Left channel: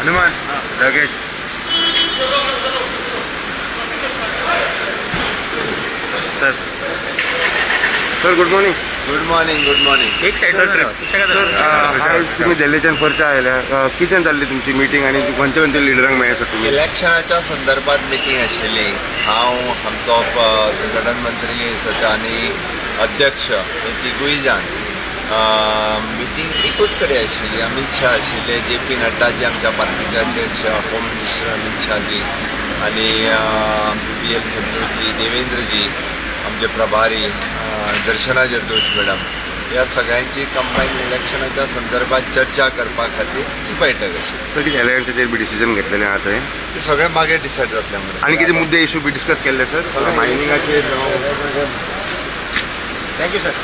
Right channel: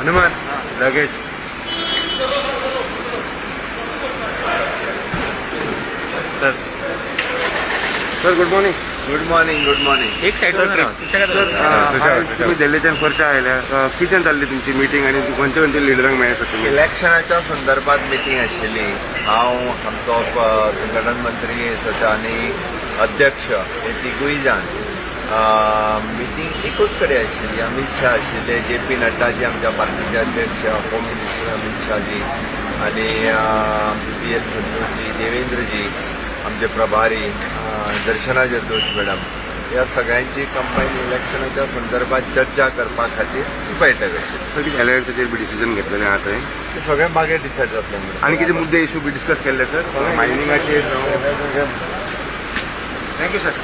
हनुमान लगेच sir sir good morning. Good morning. Good morning. एक साईडचा ट्रिप तुम्ही दिल्लीच्यान परत आयले किती जाण जाल्ली तुमची मिटींग आनी खंयचे खंयचे लिडरांक मेळ्ळे इलेक्शनाच्या संदर्भात मिटींग आशिल्ली. हांव आमचो संघटन मंत्री आनी अध्यक्ष हे तिगूय जाण मिटींग एकूच कडेन आशिल्ली. अमित शाह आशिल्ले, JP नड्डाजी आमच्या पार्टीचे अध्यक्ष, होम मिनिस्टर अमित शाहजी आनी PL संतोषजी, देवेंद्रजी आमचे प्रभारी, दर्शना जरदोश मॅडम, ह्या सगळ्यांची कंबाईन इलेक्शनाच्या संदर्भात चर्चा करपा खातीर ही बैठक आशिल्ली. किती एलायन्साचेर बी डिसिजन घेतलेलें आहा थंय ते सगळे मागीर डिसायड जातले म्हणून. आनी कितें मुद्दे इशू बी डिस्कस केल्ले सर मायनिंगाचेर थँक्यू सर.